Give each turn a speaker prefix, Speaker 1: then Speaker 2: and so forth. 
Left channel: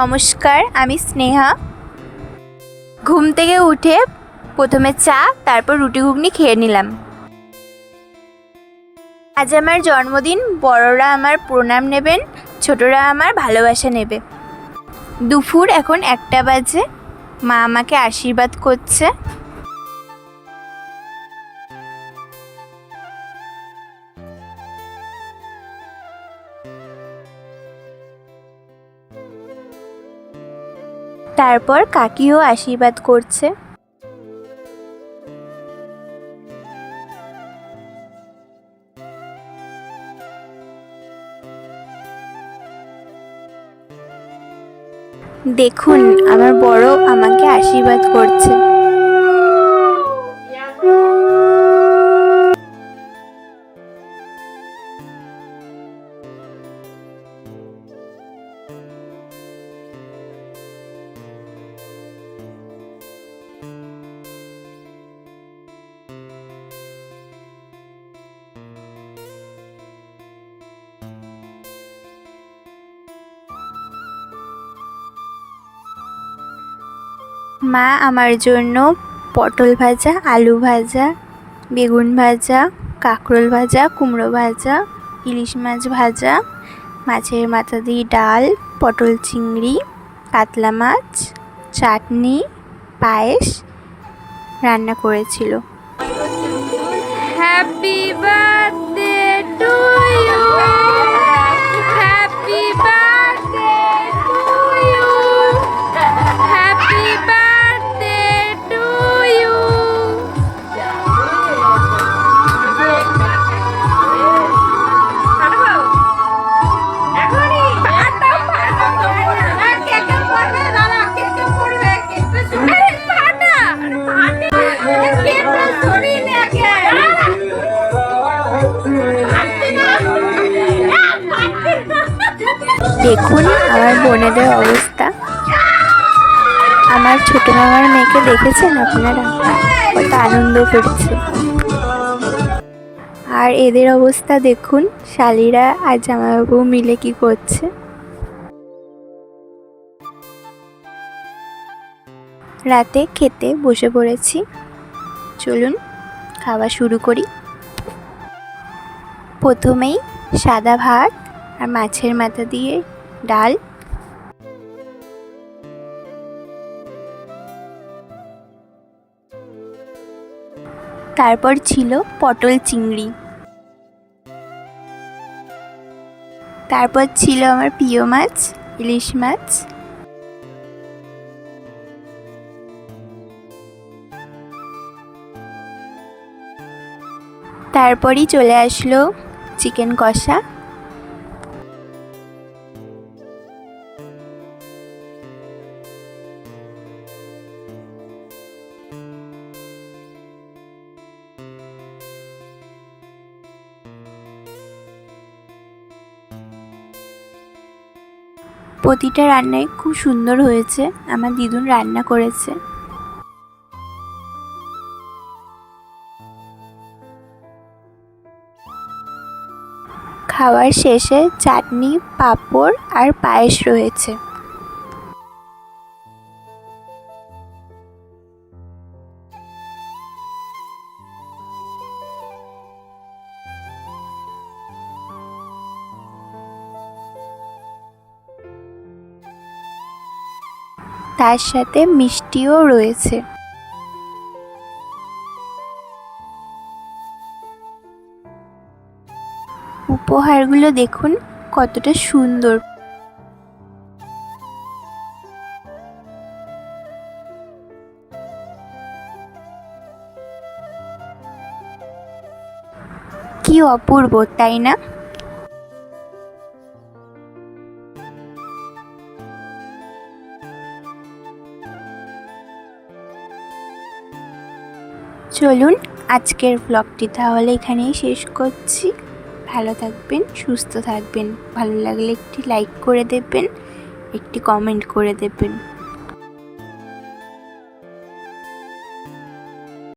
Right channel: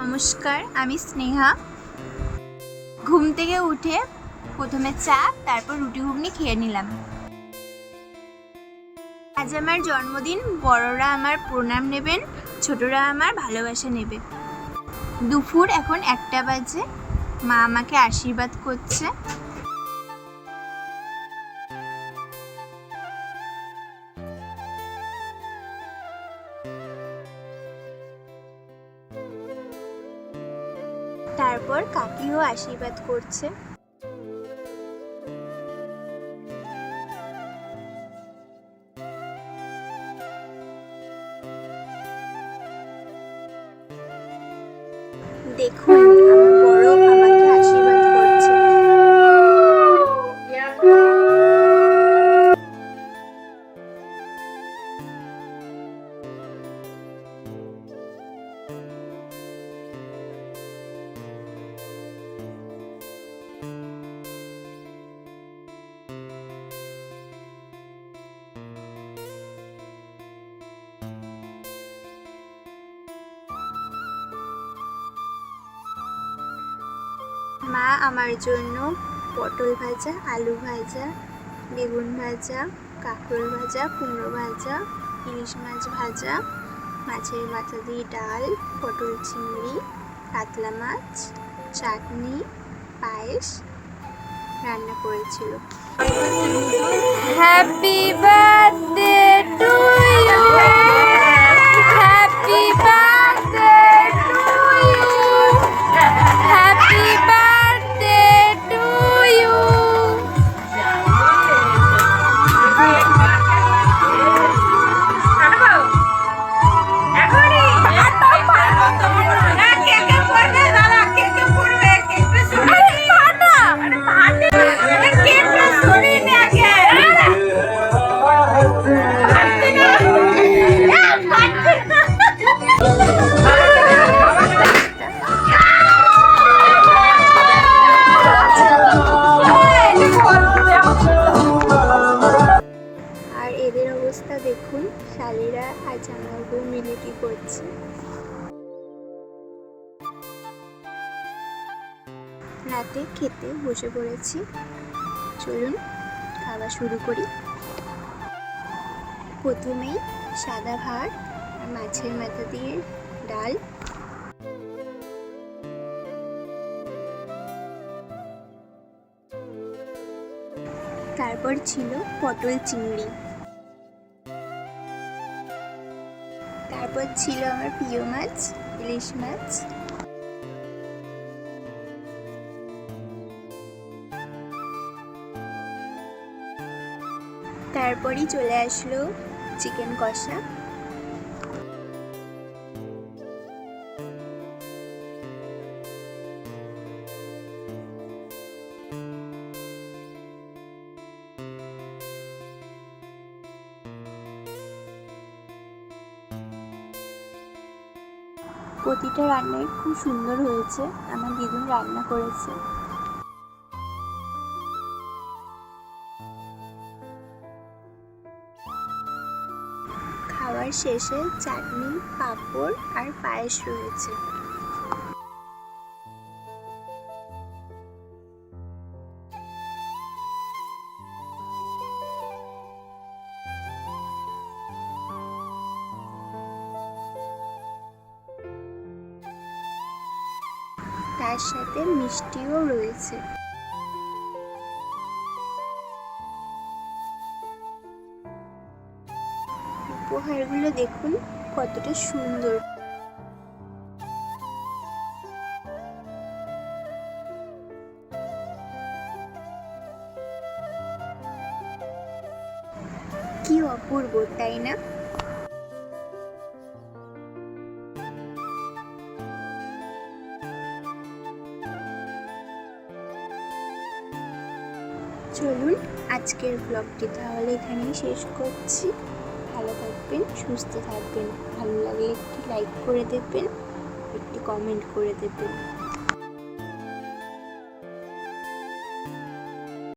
Speaker 1: নমস্কার, আমি স্নেহা। ঘুম থেকে উঠে প্রথমে চা, তারপর রুটি ঘুগনি খেয়ে নিলাম। আজ আমার জন্মদিন, বড়রা আমার প্রণাম নেবেন, ছোটরা আমার ভালোবাসা নেবে। দুপুর এখন একটা বাজে, মা আমাকে আশীর্বাদ করছে। তারপর কাকিও আশীর্বাদ করছে। দেখুন আমার বড় আমাকে আশীর্বাদ করছে। মা, আমার জন্য পটল ভাজা, আলু ভাজা, বেগুন ভাজা, কাঁকরোল ভাজা, কুমড়ো ভাজা, ইলিশ মাছ ভাজা, মাছের মাথা দিয়ে ডাল, পটল চিংড়ি, কাতলা মাছ, চাটনি, পায়েস রান্না করেছিল। হ্যাপি বার্থডে ছোট মামার মেয়েকে দেখেছেন আপনারা? আনন্দ করছে আর এদের অবস্থা দেখুন, শালিরা আর জামাইবাবু মিলে কি করছে। রাতে খেতে বসে পড়েছি। চলুন, খাওয়া শুরু করি। প্রথমেই সাদা ভাত আর মাছের মাথা দিয়ে ডাল তারপর ছিল পটল চিংড়ি। তারপর ছিল আমার প্রিয় মাছ, ইলিশ মাছ। তারপরই চলে আসলো চিকেন কষা। প্রতিটা রান্নাই খুব সুন্দর হয়েছে। আমার দিদুন রান্না করেছে। খাওয়ার শেষে চাটনি, পাঁপড় আর পায়েস রয়েছে। তার সাথে মিষ্টিও রয়েছে। উপহারগুলো দেখুন কতটা সুন্দর। কি অপূর্ব তাই না? চলুন আজকের ব্লগটি তাহলে এখানেই শেষ করছি। ভালো থাকবেন, সুস্থ থাকবেন। ভালো লাগলে একটি লাইক করে দেবেন, একটি কমেন্ট করে দেবেন।